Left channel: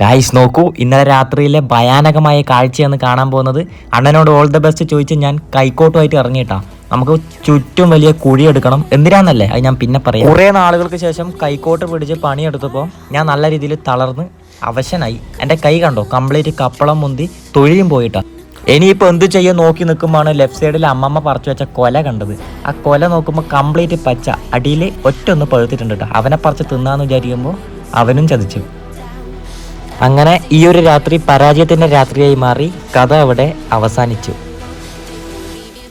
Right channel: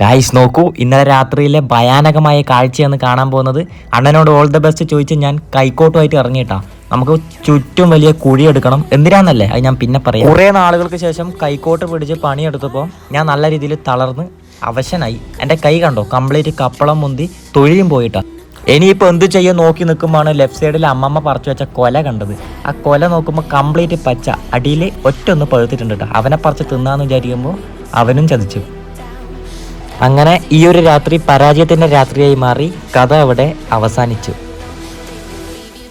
Guys നോക്കൂ ഇന്നലെ രാത്രിയിലെ ഭയാനകമായ കാഴ്ചയാണ് കാണാൻ പോകുന്നത്. അണ്ണനോട് ഓൾ ദ ബെസ്റ്റ് ചോദിച്ച് ഞാൻ കൈക്കോട്ടുമായിട്ട് ഇറങ്ങിയിട്ടാ. നമുക്ക് ചുറ്റും വലിയ കുഴി എടുക്കണം. എന്തിനാന്നല്ലേ? അത് ഞാൻ പിന്നെ പറയാം. കുറേ നാളുകൾക്ക് ശേഷം കൈക്കോട്ട് പിടിച്ച് പണിയെടുത്തപ്പോൾ ഞാൻ നല്ല രീതിയിൽ തളർന്ന് അവശനായി. എന്റെ കൈ കണ്ടോ? കംപ്ലീറ്റ് കപ്പളം മുന്തി തൊഴിയും പോയിട്ടാ. ഇനിയിപ്പോൾ എന്ത് ചെയ്യാൻ നോക്കി നിൽക്കുമ്പോഴാണ് ലെഫ്റ്റ് സൈഡിൽ അമ്മമ്മ പറിച്ചു വെച്ച കൊല കണ്ടത്. ആ കൊല നോക്കുമ്പോൾ കംപ്ലീറ്റ് പച്ച. അടിയിൽ ഒറ്റ ഒന്ന് പഴുത്തിട്ടുണ്ട് കേട്ടോ. അവനെ പറിച്ച് തിന്നാന്ന് വിചാരിക്കുമ്പോൾ അവനും ചതിച്ചു. അങ്ങനെ ഈ ഒരു രാത്രി പരാജയത്തിന്റെ രാത്രിയായി മാറി കഥ അവിടെ അവസാനിച്ചു.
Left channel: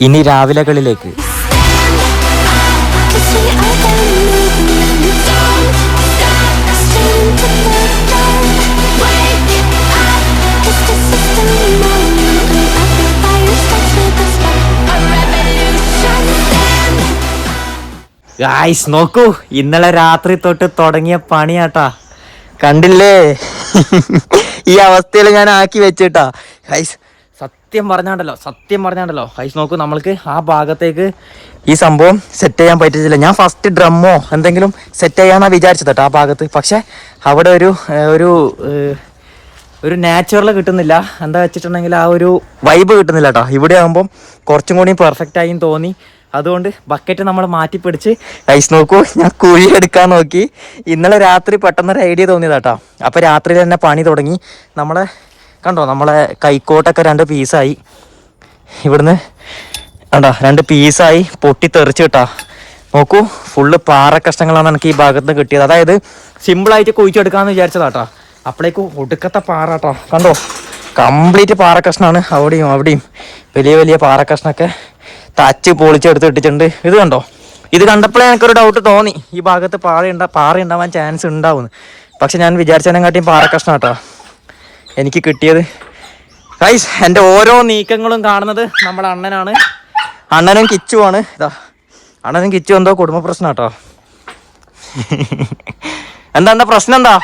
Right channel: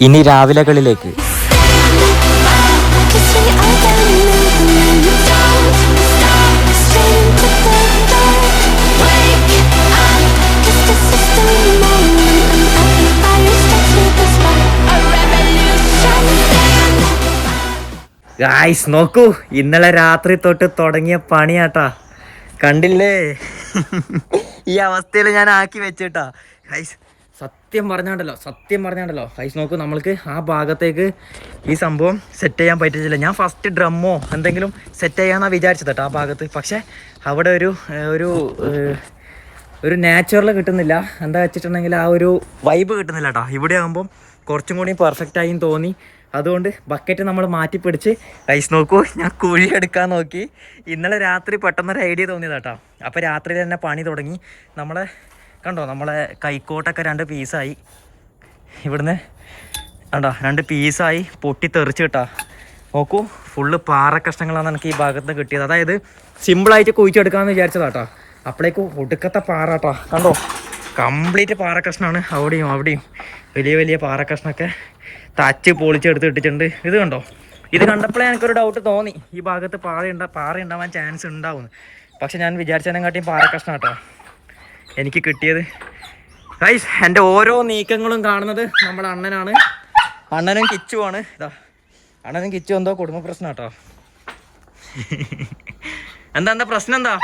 ഇനി രാവിലകളിലേക്ക്. നോക്കൂ. ഇന്നലെ രാത്രി തൊട്ട് തുടങ്ങിയ പണിയാട്ടാ. കണ്ടില്ലേ? ഈ അവസ്ഥയിൽ ഞാൻ ആക്കി വെച്ചിട്ടാ. ഹൈസ് സത്യം പറഞ്ഞാണ്ടല്ലോ സത്യം പറഞ്ഞാണ്ടല്ലോ. ഹൈസ് നോക്കൂ നമ്മൾക്ക് ആ ഭാഗത്തേക്ക് ഈ സംഭവം സെറ്റ് ചെയ്യാൻ പറ്റിയില്ല ഞാൻ ഫസ്റ്റ് ഡ്രമ്മോ എന്തെങ്കിലും സെറ്റ് ചെയ്യാന്നാ വിചാരിച്ചത് കേട്ടോ ആ ഭാഗത്ത്. പക്ഷെ അവിടെ ഒരു ഒരു ഒരു നാച്ചുറൽ കിട്ടുന്നില്ല. എന്താ വെച്ചിട്ടുണ്ടെങ്കിൽ ആ ഒരു വൈബ് കിട്ടുന്നില്ല കേട്ടോ ഇവിടെ ആകുമ്പം കുറച്ചും കൂടി പെർഫെക്റ്റ് ആയി തോന്നി. അതുകൊണ്ട് ബക്കറ്റ് നമ്മൾ മാറ്റിപ്പിടിച്ച് ഐസ് നോക്കൂ ഞാൻ കുഴി എടുക്കാൻ നോക്കി. ഇന്നലെ രാത്രി പെട്ടെന്നൊരു ഐഡിയ തോന്നിയതാട്ടോ. അപ്പോൾ രാത്രി തന്നെ പണി തുടങ്ങി. നമ്മളെ കണ്ടോ നമ്മളെ കൈക്കോട്ടൊക്കെ രണ്ട് പീസായി ഇവിടുന്ന് കണ്ടോ രണ്ട് പീസായി പൊട്ടി തെറിച്ച് കിട്ടാ. നോക്കൂ ഫുള്ള് പാറ കഷ്ണങ്ങളാണ് എനിക്ക് ഈ ഭാഗത്ത് നിന്ന് കിട്ടിയത്. അതായത് സിമ്പിളായിട്ട് കുഴിച്ചെടുക്കാമെന്ന് വിചാരിച്ചതാട്ടോ. അപ്പോഴേക്കും ഒടുക്കത്തെ പാറ കേട്ടോ കണ്ടോ കംപ്ലീറ്റ് പാറ കഷ്ണമാണ് അവിടെയും അവിടെയും. വലിയ വലിയ പാറ കഷ്ണമൊക്കെ തച്ച് പൊളിച്ചെടുത്ത് ഇട്ടിട്ടുണ്ട്. ഇത് കണ്ടോ? ഇത് കണ്ടപ്പോഴേ എനിക്കൊരു ഡൗട്ട് തോന്നി. ഈ ഭാഗത്ത് പാറ ഉണ്ടാ പാറ ഉണ്ടാവാൻ ചാൻസ് ഉണ്ടാവുന്നു. പക്ഷെ ഞാൻ വിചാരിച്ചതിനെക്കാട്ടിയും പാറ കഷ്ണം കേട്ടോ എനിക്ക് കിട്ടിയത്. ഗൈസ് എന്റെ ഓരോ നീക്കങ്ങളും കാണുന്നത് നമ്മുടെ അണ്ണനാണ്. അണ്ണനും കിച്ചുവാണ്. ഇതാ. അണ്ണനും കിച്ചു എന്തോ കുടുംബ പ്രശ്നം കേട്ടോ എന്താ എന്താ പ്രശ്നം എന്താ?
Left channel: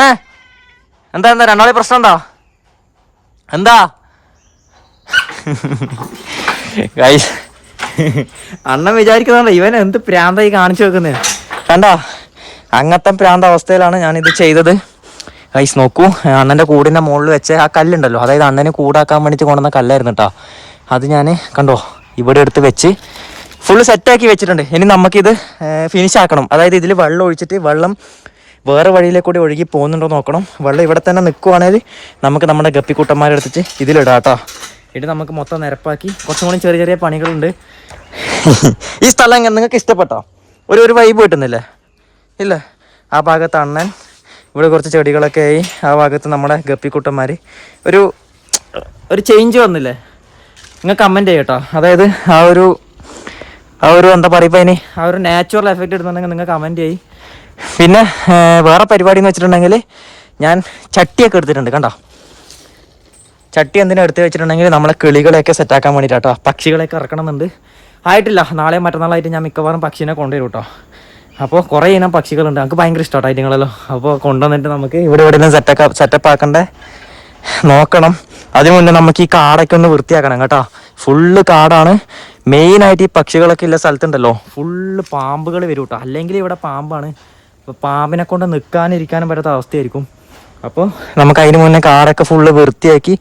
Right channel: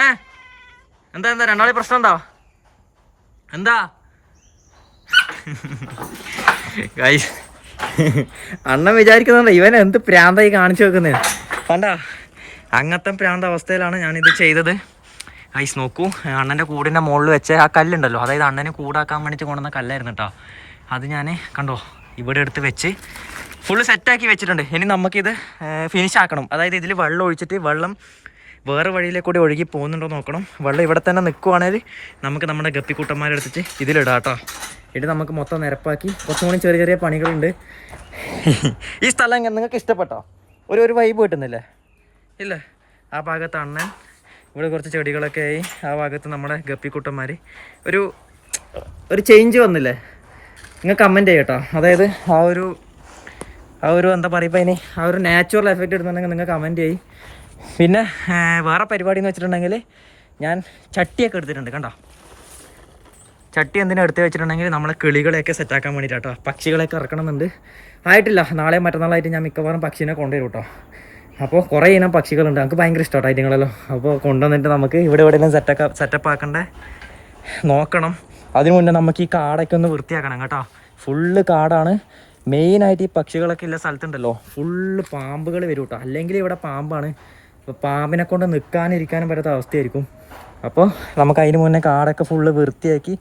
ഏ? എന്താ എന്താ? രണ്ടാളി പ്രശ്നം എന്താ? എന്താ? ഗൈസ് അണ്ണൻ വിചാരിക്കുന്നുണ്ട് ഇവൻ എന്ത് പ്രാന്തായി കാണിച്ചു വെക്കുന്നേ? കണ്ടാ? അങ്ങനത്തെ പ്രാന്ത അവസ്ഥയിലാണ് ഞാൻ ഇത് ചെയ്തത്. ഗൈസ് നോക്കൂ. അണ്ണന്റെ കൂടിന്റെ മുകളിൽ വെച്ച ആ കല്ലുണ്ടല്ലോ. അതായത് അണ്ണനെ കൂടാക്കാൻ വേണ്ടിയിട്ട് കൊണ്ടുവന്ന കല്ലായിരുന്നു കേട്ടോ അത് ഞാൻ കണ്ടോ? ഇവിടെ എടുത്ത് വെച്ച് ഫുള്ള് സെറ്റാക്കി വെച്ചിട്ടുണ്ട്. ഇനി നമുക്കിത് ഫിനിഷ് ആക്കണം. അതായത് ഇതിൽ വെള്ളം ഒഴിച്ചിട്ട് വെള്ളം വേറെ വഴിയിലേക്ക് കൂടി ഒഴുകി പോകുന്നുണ്ടോ നോക്കണം. വെള്ളം ഇവിടെ തന്നെ നിൽക്കുവാണെങ്കിൽ നമുക്ക് നമ്മുടെ ഗപ്പിക്കൂട്ടന്മാരെടുത്തിട്ട് ഇതിലിടാം കേട്ടോ ഇത് നമുക്ക് മൊത്തം നിരപ്പാക്കി. കുറച്ചും കൂടി ചെറിയ ചെറിയ പണികളുണ്ട്. ഈ സ്ഥലം നിങ്ങൾക്ക് ഇഷ്ടപ്പെട്ടോ? ഒരു ഒരു വൈബ് കിട്ടുന്നില്ലേ? ഇല്ല? ആ ഭാഗത്ത് അണ്ണൻ ഇവിടെ കുറച്ച് ചെടികളൊക്കെ ആയി. ആ ഭാഗത്ത് നമ്മുടെ ഗപ്പിക്കുട്ടന്മാർ ഒരു ഒരു ചേഞ്ച് വന്നില്ലേ? നിങ്ങൾ കമന്റ് ചെയ്യട്ടോ. അതായത് ആ ഒരു ആ ഒരു എന്താ പറയുക അതിന് ആ ഒരു നാച്ചുറൽ എഫക്റ്റ് ഇടുന്നുണ്ടെങ്കിൽ നിങ്ങൾ കമന്റ് ചെയ്യും. പിന്നെ വേറെ പരിപാടി എന്ന് വെച്ചിട്ടുണ്ടെങ്കിൽ ഞാൻ ചട്ടിയൊക്കെ എടുത്തിട്ടുണ്ട് കണ്ടോ? ചട്ടി എന്തിനാ എടുത്ത് വെച്ചിട്ടുണ്ടെങ്കിൽ നമ്മളെ കിളികളെയൊക്കെ സെറ്റാക്കാൻ വേണ്ടിയിട്ടാട്ടോ പക്ഷികളെയൊക്കെ ഇറക്കണമെന്നുണ്ട്. ആയിട്ടില്ല നാളെ മറ്റന്നാളായിട്ട് ഞാൻ മിക്കവാറും പക്ഷീനെ കൊണ്ടുവരും കേട്ടോ. അപ്പോൾ കുറേ ഇനം പക്ഷികളുണ്ട്. നമുക്ക് ഭയങ്കര ഇഷ്ടമാട്ടോ ഐറ്റങ്ങളല്ലോ. അപ്പോൾ കൊണ്ടുവന്നിട്ട് നമുക്ക് ഇവിടെ ഇവിടെ നിന്ന് സെറ്റാക്ക സെറ്റപ്പ് ആക്കണ്ടേ? നോക്കണം. അതിനു മുന്നേ നമുക്ക് ഈ കാടൊക്കെ ഒന്ന് വൃത്തിയാക്കണം കേട്ടോ. ഫുള്ള് കാടാണ്. മെയിനായിട്ട് ഈ പക്ഷികളൊക്കെ ഉള്ള സ്ഥലത്തുണ്ടല്ലോ. ഫുള്ള് പാമ്പുകൾ വരും കേട്ടോ അല്ലെങ്കിൽ ഇവിടെ പാമ്പാണ്. അപ്പോൾ പാമ്പിനെ കൊണ്ട് നിൽക്കാനിരിക്കാനും പറ്റാത്ത അവസ്ഥയായിരിക്കും. അപ്പോൾ നമുക്ക് അതിന് മുന്നേ കാറൊക്കെ ഫുള്ള് വൃത്തിയാക്കി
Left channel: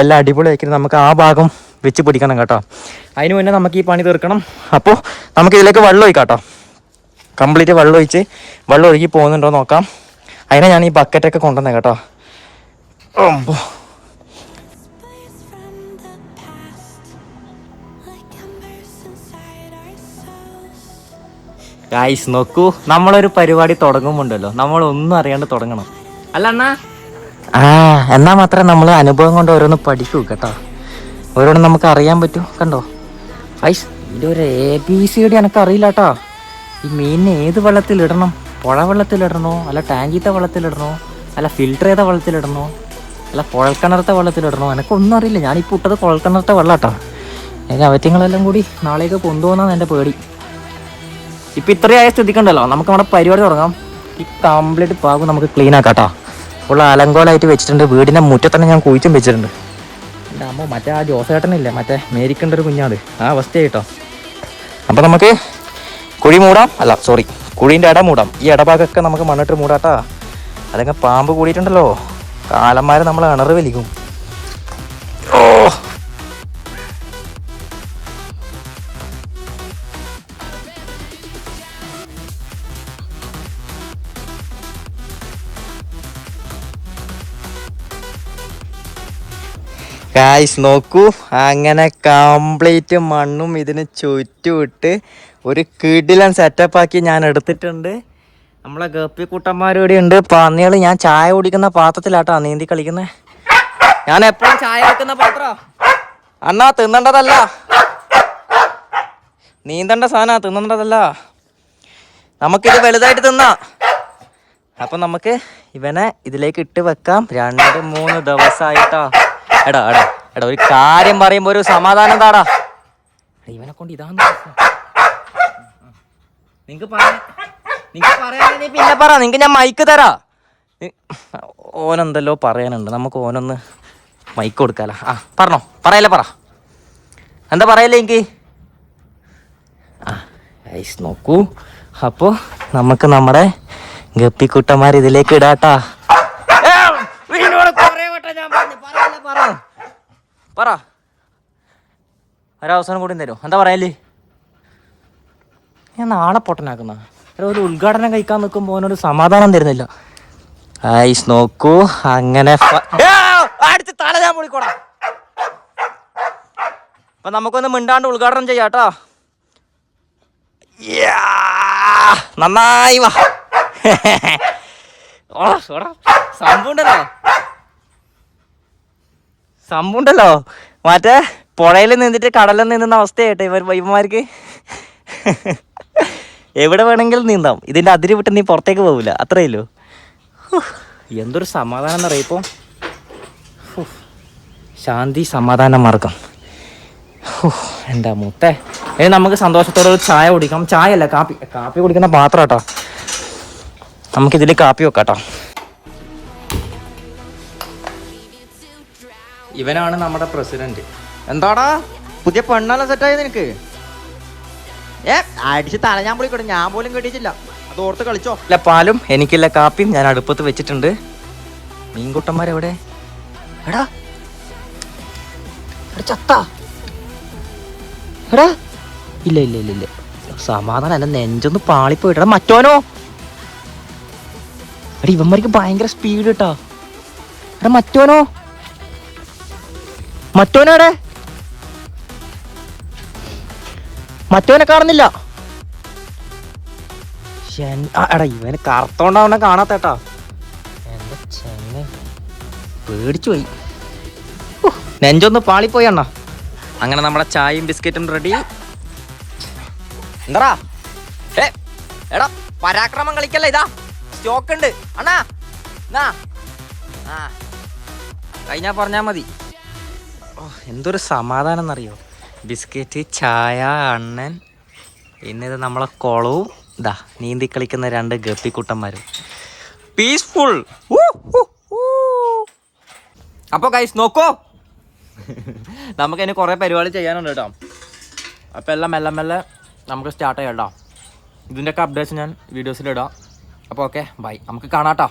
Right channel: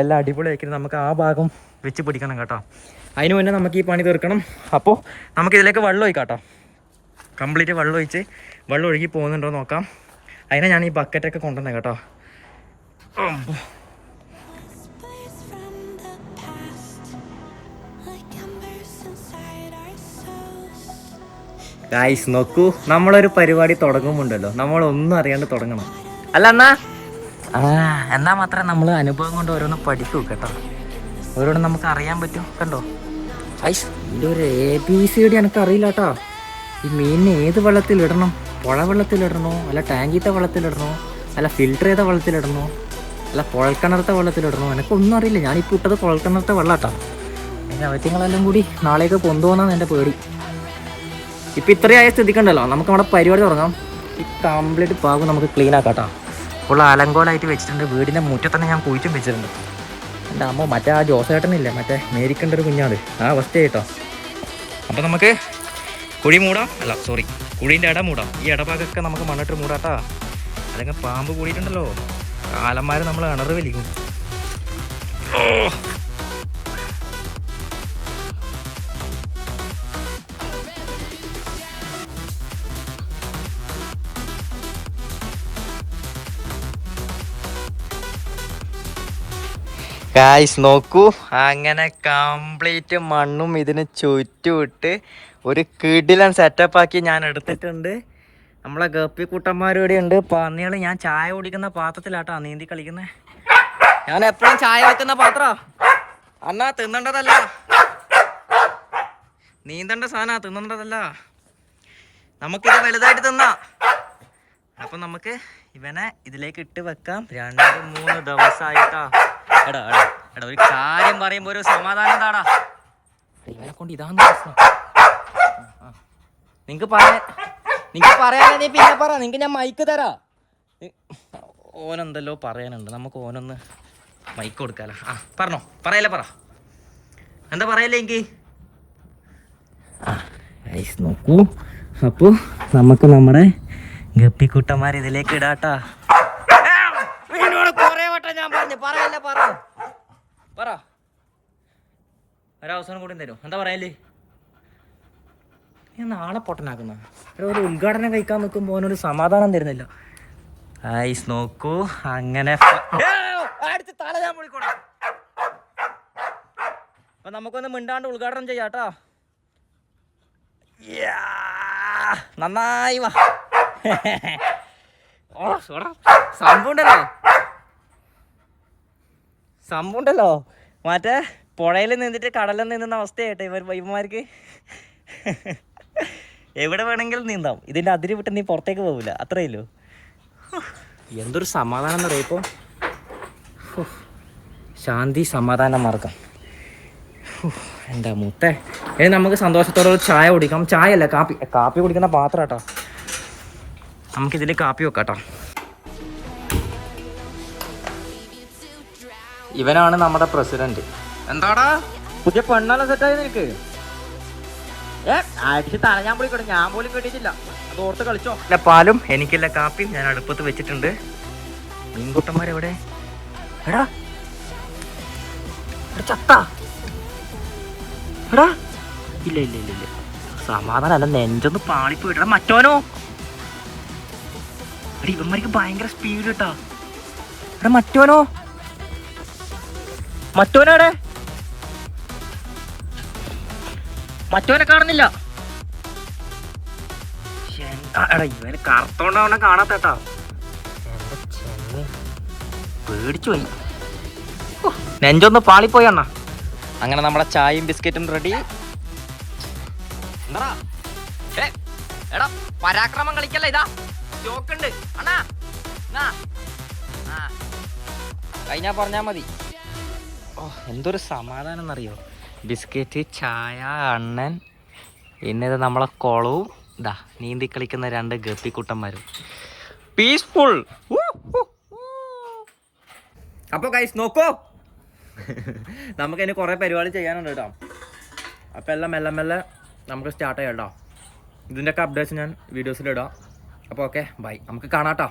എല്ലാം അടിപൊളിയാക്കി നമുക്ക് ആ ഭാഗം വെച്ച് പിടിക്കണം കേട്ടോ. അതിന് മുന്നേ നമുക്ക് ഈ പണി തീർക്കണം. അപ്പോൾ നമുക്ക് ഇതിലേക്ക് വെള്ളം ഒഴിക്കാം കേട്ടോ കംപ്ലീറ്റ് വെള്ളം ഒഴിച്ച് വെള്ളം ഒഴുകി പോകുന്നുണ്ടോ നോക്കാം. അതിനെ ഞാൻ ഈ ബക്കറ്റൊക്കെ കൊണ്ടുവന്നേ കേട്ടോ. souls ഗായ്സ് നോക്കൂ നമ്മളൊരു പരിപാടി തുടങ്ങുമ്പോണ്ടല്ലോ. നമ്മളൊന്നും അറിയാണ്ട് തുടങ്ങണം. അല്ല എന്നാ ആ എന്നാ മാത്രമേ നമ്മൾ അനുഭവം കൊണ്ട് ഓരോന്ന് പഠിക്കൂ കേട്ടോ. ഓരോന്ന് നമുക്ക് അറിയാൻ പറ്റൂ കണ്ടോ? ഇതൊരു എ ബി സി ഡി എനിക്ക് അറിയില്ല കേട്ടോ. ഈ മീനിനെ ഏത് വെള്ളത്തിലിടണം പുഴ വെള്ളത്തിലിടണോ അല്ല ടാങ്കിത്തെ വെള്ളത്തിലിടണോ അല്ല ഫിൽറ്റർ ചെയ്ത വെള്ളത്തിലിടണോ അല്ല കുഴൽക്കിണറത്തെ വെള്ളത്തിലിടണോ എനിക്കൊന്നും അറിയില്ല. ഞാനിപ്പോൾ ഇട്ടത് കുഴൽക്കിണറത്തെ വെള്ളം കേട്ടോ. അതിന്റെ അവറ്റങ്ങളെല്ലാം കൂടി നാളേക്ക് കൊണ്ടുപോകുന്നതാണ് എന്റെ പേടി. ഇപ്പം ഇത്രയായ സ്ഥിതിക്കുണ്ടല്ലോ നമുക്ക് നമ്മുടെ പരിപാടി തുടങ്ങാം. ഈ കംപ്ലീറ്റ് പാകും നമുക്ക് ക്ലീൻ ആക്കാം കേട്ടോ. ഫുൾ അലങ്കോലായിട്ട് വെച്ചിട്ടുണ്ട്. വീടിന്റെ മുറ്റത്തന്നെ ഞാൻ കുഴിച്ചും വെച്ചിട്ടുണ്ട്. എന്റെ അമ്മ മറ്റേ ആ ജോസേട്ടനില്ലേ? മറ്റേ മേരിക്കേണ്ട ഒരു കുഞ്ഞാട് ആ അവസ്ഥ കേട്ടോ അപ്പോൾ നമുക്ക് കുഴി മൂടാം. അല്ല സോറി കുഴീന്റെ ഇട മൂടാം. ഈ ഇടഭാഗമൊക്കെ നമുക്ക് മണ്ണിട്ട് മൂടാട്ടാ. അല്ലെങ്കിൽ പാമ്പ് കൂടിയിട്ടുണ്ടല്ലോ. കാലന്മാർ നമ്മൾ ഇണറ് വലിക്കും. ഗായ്സ് നോക്കൂ. അങ്ങനെ കംപ്ലീറ്റ് മണ്ണും ഇതിന് ചുറ്റുവിട്ട് ഒരു കിടിലൻ സെറ്റപ്പ് ആക്കി ഞാൻ എടുത്തിട്ടുണ്ട്. നമ്മളെ ഗപ്പി കൂട്ടന്മാരോടെ ഉണ്ട്. പന്നികൾ ഞാൻ ചായ കുടിക്കുന്ന പാത്രത്തിലാട്ടോ നീന്തി കളിക്കുന്നത് ഞാൻ എപ്പോഴും ചായ വെക്കുന്ന പാത്ര. അണ്ണാ തിന്നണ്ടതല്ല. നീന്തണ്ട സാധന തിന്നണ്ടതല്ല. നമുക്കിത് വലുതായിട്ട് തിന്നാ. അപ്പൊ നമുക്ക് ഇവനെ ഇതിലേക്ക് ഇട്ട് വെക്കാം. രണ്ട് മൂന്ന് ദിവസമായിട്ടാ എടാ എടാ എടാ ഒരു കാര്യം പറയുമ്പോ ഒരു സമാധാനം താടാ ഇവനെ കൊണ്ട് പ്രശ്നം. നിങ്ങക്ക് പറയാ നിങ്ങക്ക് പറയാനേ നീ പിന്നെ പറ നിങ്ങക്ക് ഞാൻ മൈക്ക് തരാ. ഓനെന്തല്ലോ പറയാനുണ്ട്. നമുക്ക് ഓനൊന്ന് മൈക്ക് കൊടുക്കാല. ആ പറഞ്ഞോ. പറയല്ലേ പറ. എന്താ പറയല്ലേ എനിക്ക് നോക്കൂ. അപ്പോ നമുക്ക് നമ്മുടെ ഗപ്പിക്കുട്ടന്മാർ ഇതിലേക്ക് ഇടാട്ടാ ഏ, നിന്നോട് കുറേ വട്ടം ഞാൻ പറഞ്ഞു പറ പറ. ഒരവസരം കൂടി തരും. എന്താ പറയല്ലേ ഞാൻ നാളെ പൊട്ടനാക്കുന്ന ഒരു ഉദ്ഘാടനം കഴിക്കാൻ നിൽക്കുമ്പോൾ ഒരു സമാധാനം തരുന്നില്ല. ഐസ് നോക്കൂ അങ്ങനെ തല ഞാൻ പൊളിക്കോടാ. അപ്പൊ നമുക്കൊന്ന് മിണ്ടാണ്ട് ഉദ്ഘാടനം ചെയ്യാട്ടോ നന്നായി വാ. ഓ, സോടാ. സംഭവമുണ്ടല്ലോ മറ്റേ പുഴയിൽ നിന്നിട്ട് കടലിൽ നിന്നുന്ന അവസ്ഥയായിട്ട് ഇവർ വൈബന്മാർക്ക് എവിടെ വേണമെങ്കിലും നീന്താം. ഇതിന്റെ അതിര് വിട്ട് നീ പുറത്തേക്ക് പോവില്ല. അത്രയല്ലോ എന്തൊരു സമാധാനം എന്നറിയാം ഇപ്പോൾ ശാന്തി സമാധാന മാർഗം. എന്താ മുത്തേ? ഇനി നമുക്ക് സന്തോഷത്തോടെ ഒരു ചായ കുടിക്കാം. ചായ അല്ല കാപ്പി. കാപ്പി കുടിക്കുന്ന പാത്രം കേട്ടോ നമുക്കിതിൽ കാപ്പി വെക്കാം കേട്ടോ ഇവനാണ് നമ്മുടെ പ്രസിഡന്റ്. എന്താടാ? പുതിയ പെണ്ണെല്ലാം സെറ്റായി നിനക്ക്? ഏ അടിച്ച് തല ഞാൻ പോയിക്കോട്ടെ. ഞാൻ പോലും കേട്ടിട്ടില്ല തോർത്ത് കളിച്ചോ. ഇല്ല പാലും എനിക്കില്ല കാപ്പിയും ഞാൻ അടുപ്പത്ത് വെച്ചിട്ടുണ്ട്. മീൻകുട്ടന്മാരെവിടെ? എടാ. എടാ ചത്ത. എടാ. ഇല്ല ഇല്ല ഇല്ല ഇല്ല. സമാധാനം അല്ല നെഞ്ചൊന്ന് പാളിപ്പോയിട്ടാ മറ്റോനോ? എടാ ഇവന്മാർക്ക് ഭയങ്കര സ്പീഡ് കേട്ടാ എടാ മറ്റോനോ? മറ്റോനോ എവിടെ മറ്റോനെ കാണുന്നില്ല എടാ ഇവന് കറുത്തോണ്ടാവണ കാണാത്തേട്ടാ പേടിച്ചു പോയി. നെഞ്ചൊന്ന് പാളിപ്പോയി അണ്ണാ. അങ്ങനെ നമ്മുടെ ചായയും ബിസ്ക്കറ്റും റെഡി എന്താടാ? ഏ എടാ പരാക്രമം കളിക്കല്ല ഇതാ? സ്റ്റോക്ക് ഉണ്ട്. അണ്ണാ ആ കഴിഞ്ഞാ പറഞ്ഞാ മതി. ഓ എന്തൊരു സമാധാനം എന്നറിയോ ബിസ്ക്കറ്റ് ചായ അണ്ണൻ പിന്നെ നമ്മളെ കുളവും ഇതാ നീന്തി കളിക്കുന്ന രണ്ട് ഗപ്പിക്കുട്ടന്മാരും. പീസ്ഫുൾ അപ്പോൾ കൈസ് നോക്കോ. നമുക്ക് ഇനി കുറേ പരിപാടി ചെയ്യാനുണ്ട് കേട്ടോ. അപ്പോൾ എല്ലാം മെല്ലെ മെല്ലെ നമുക്ക് സ്റ്റാർട്ട് ചെയ്യാം കേട്ടോ. ഇതിന്റെയൊക്കെ അപ്ഡേറ്റ്സ് ഞാൻ വീഡിയോസിൽ ഇടാം. അപ്പോൾ ഓക്കെ ബൈ നമുക്ക് കാണാം കേട്ടോ.